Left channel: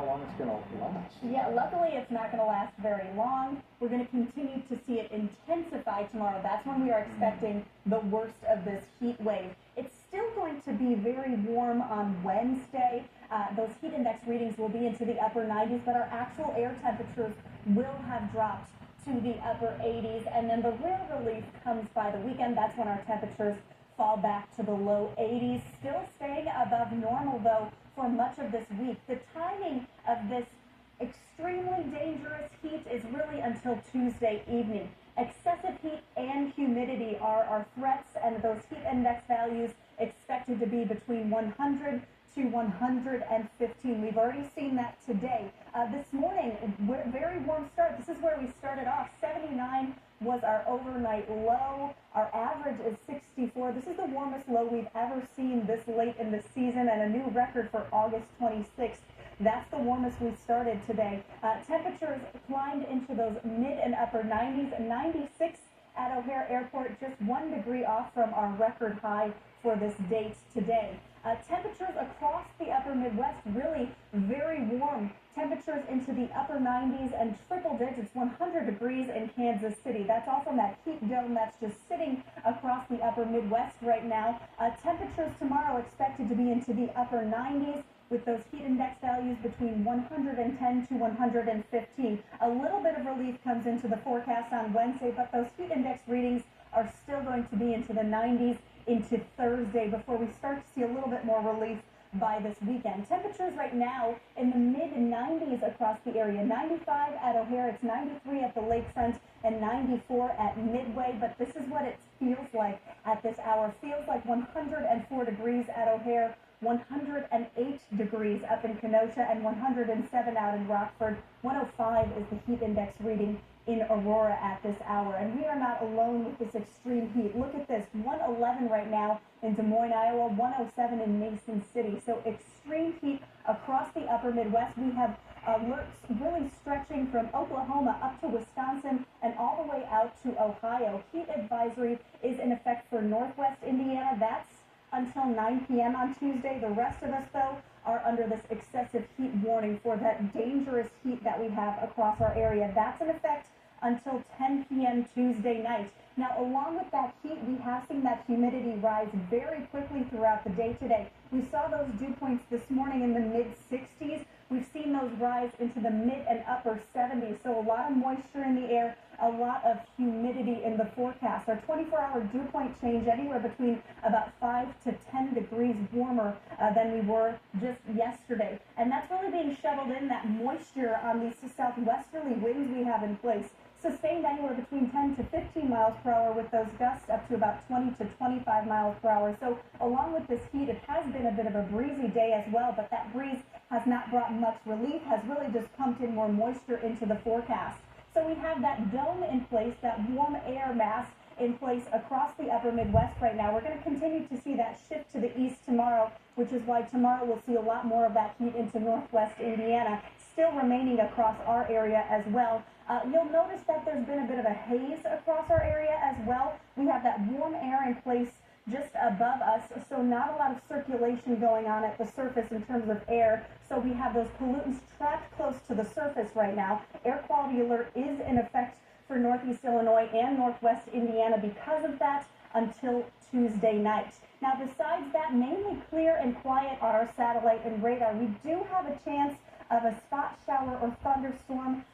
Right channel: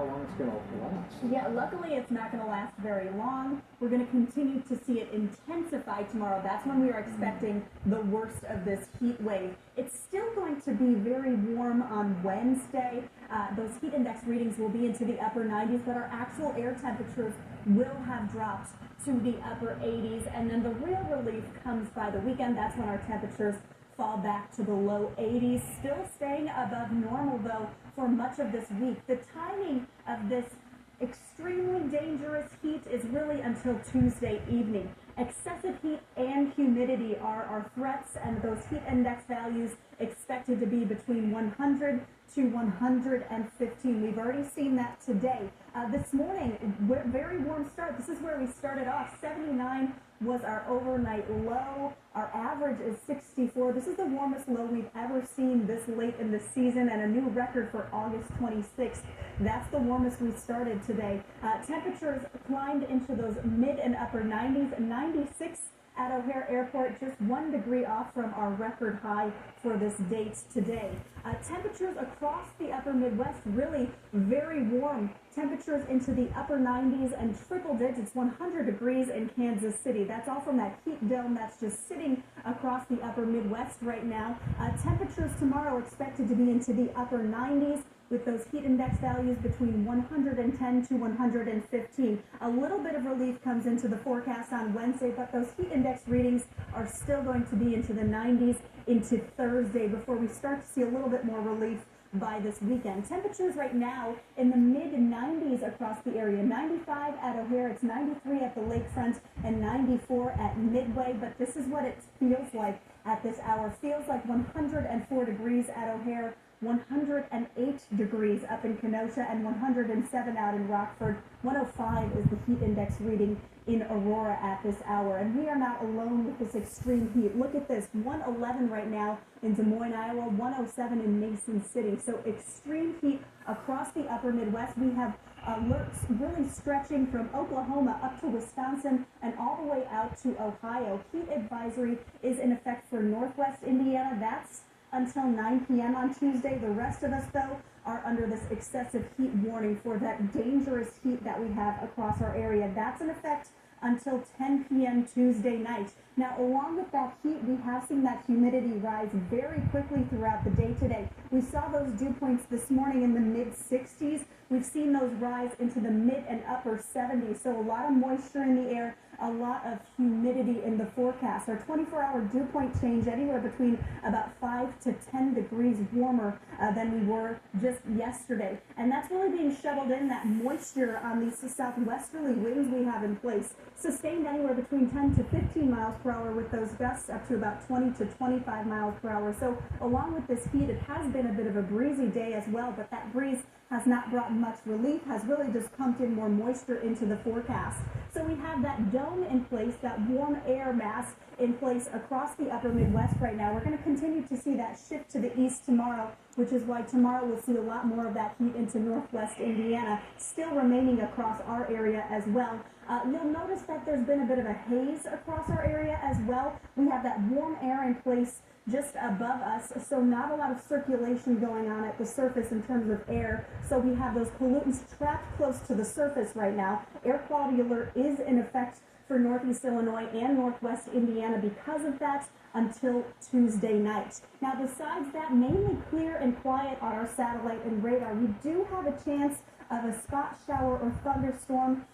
how long it's going to last. Yeah, luckily it's not going to last very long. We're going to continue to see it intensify tomorrow. That's when we are expecting the worst of this heat wave. It's still going to be very warm on Wednesday. Those heat index readings will be into the upper 90s, but our actual air temperatures will have dropped to the upper 80s. And then the real relief comes by the weekend. That's when our temperatures fall back to the low 80s. Still staying above normal, though, for much of this week. The timing of this extremely dangerous heat is really until Tuesday evening. Excessive heat and humidity are our threats, and those heat index values expected to be between 100 to 115. We've already seen that today. This morning, very warm start. This is where we started off. 79 was our overnight low. Our average is 64. This is the warmest low we've ever seen this late in the season, and a new record for August 26th. That's the warmest we started today. Temperatures climbed into those mid and upper 90s. 96 at O'Hare Airport, just 1 degree off from our record high for this date today. Temperatures across the upper Midwest really very warm. Temperatures into the upper 90s and triple digits, 100 degrees in Kansas City. That's all from that heat dome that's just sitting across the upper Midwest right now. Temperatures tomorrow expected to be into the upper 90s, with those heat index values between 110 to 115. A little bit of relief comes into the forecast on Wednesday, but those heat index readings are still going to be into the 90s into Thursday before we start to see a little bit more relief by this weekend. Temperatures right now in the mid-90s across the area. 95 at O'Hare, it's 93 at the lakefront, and 94 at Midway, but this is what it feels like at this hour. Feels like 104 degrees at O'Hare, 108 degrees up in Kenosha, and 107 out in Rockford. 105 is the heat index reading in Aurora at this hour. And we are not alone with this extreme heat. Look at this, 111 right now in Des Moines, Iowa, 107 in Mason City. So extreme heat across the upper Midwest. We have alerts really stretching from Oklahoma up to Wisconsin and all the way out to Ohio. Heat advisory is in effect for Northwest Indiana. That's until 9 p.m. on Tuesday. The rest of us, though, are under this excessive heat warning for that dangerous heat that we have across our area. That's in effect until 10 p.m. Tuesday night. Now, along with that heat, we have seen that humidity rise very quickly throughout the day today. We saw those dew points this morning in the mid-60s. We've seen those rise into the mid and upper 70s, so a lot of moisture in the air, a lot of humidity in the forecast. Our 24-hour dew point change anywhere between about 5 to 10 degrees warmer than we were just yesterday. And that's really being shoveled in, that moisture on these southwesterly winds we have in place. Sustained anywhere between 10 to 15 miles per hour, with those gusts up to about 20 to 25 miles per hour. So along with this heat, it has been a bit of a breezy day as well, but that breeze has not brought much relief, has really just pumped in more moisture into the forecast. So we have that dome in place, that warm air mass in place across the upper Midwest right now. We're going to continue to see that shift to the east tomorrow, which is why tomorrow we'll see a lot more of that heat into Northwest Indiana, still remaining across our area as well. You'll notice that there's been a bit of a haze across our area as well. We have that warm air in place just above us, so not a lot of circulation going on at the surface in terms of air. So we have those pollutants trapped close to the surface right now. Air quality alert is in effect for Northeast Illinois and Northwest Indiana because of that until Tuesday night. Now, besides that, mainly clear and quiet on our satellite and radar. We do have a chance of a spot shower or thunderstorm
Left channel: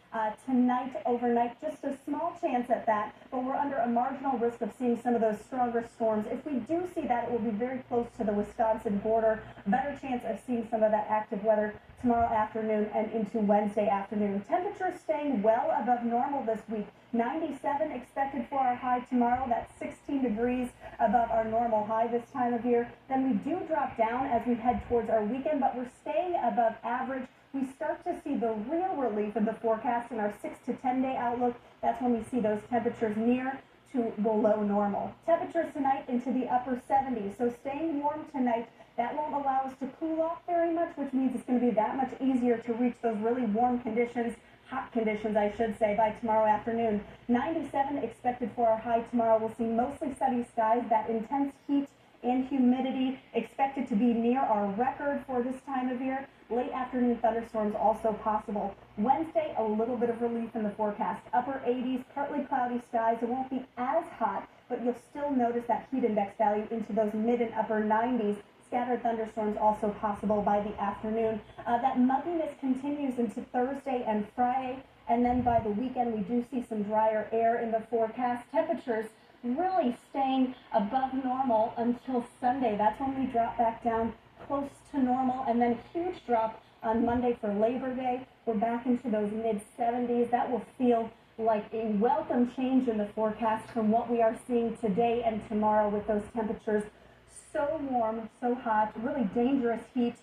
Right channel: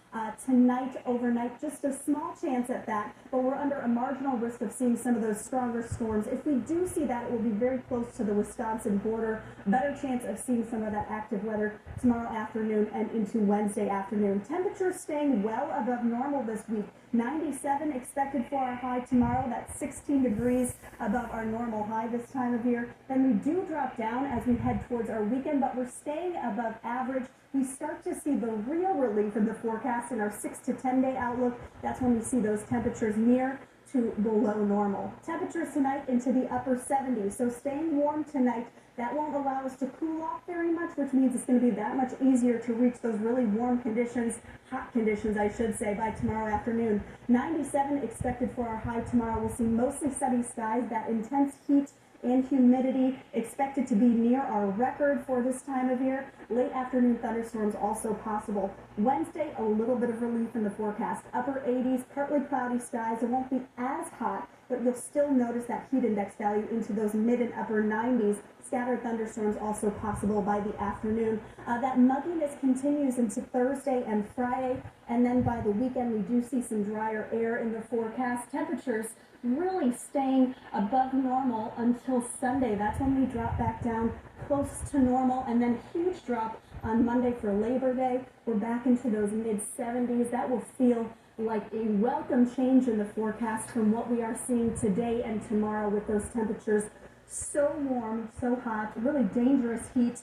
tonight, overnight, just a small chance at that, but we're under a marginal risk of seeing some of those stronger storms. If we do see that, it will be very close to the Wisconsin border. Better chance of seeing some of that active weather tomorrow afternoon and into Wednesday afternoon. Temperatures staying well above normal this week. 97 expected for our high tomorrow. That's 16 degrees above our normal high this time of year. Then we do drop down as we head towards our weekend, but we're staying above average. We start to see the real relief in the forecast in our 6 to 10 day outlook. That's when we see those temperatures near to below normal. Temperatures tonight into the upper 70s, so staying warm tonight. That won't allow us to cool off very much, which means it's going to be that much easier to reach those really warm conditions, hot conditions, I should say, by tomorrow afternoon. 97 expected for our high tomorrow. We'll see mostly sunny skies. That intense heat and humidity expected to be near our record for this time of year. Late afternoon thunderstorms also possible. Wednesday, a little bit of relief in the forecast. Upper 80s, partly cloudy skies. It won't be as hot, but you'll still notice that heat index value into those mid and upper 90s. Scattered thunderstorms also possible by the afternoon. That mugginess continues into Thursday and Friday, and then by the weekend we do see some drier air in the forecast. Temperatures really staying above normal until Sunday. That's when we drop back down close to normal, and then huge drop on Monday for Labor Day. We're back into those mid-70s. That will feel like a welcome change in the forecast from what we are seeing today and tomorrow with those temperatures so warm, so hot, really dangerous heat.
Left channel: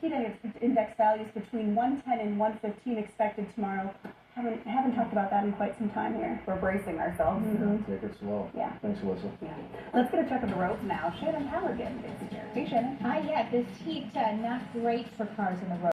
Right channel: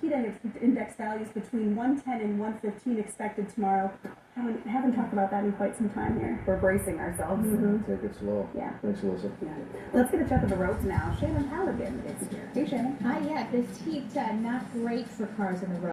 Heat index values between 110 and 115 expected tomorrow. Haven't talked about that in quite some time here. We're bracing ourselves. Take it slow. Yeah. Thanks, Alyssa. Yeah. Let's get a check of the roads now. Shannon Halligan is here. Hey, Shannon. Hi, yeah, this heat, not great for cars on the road.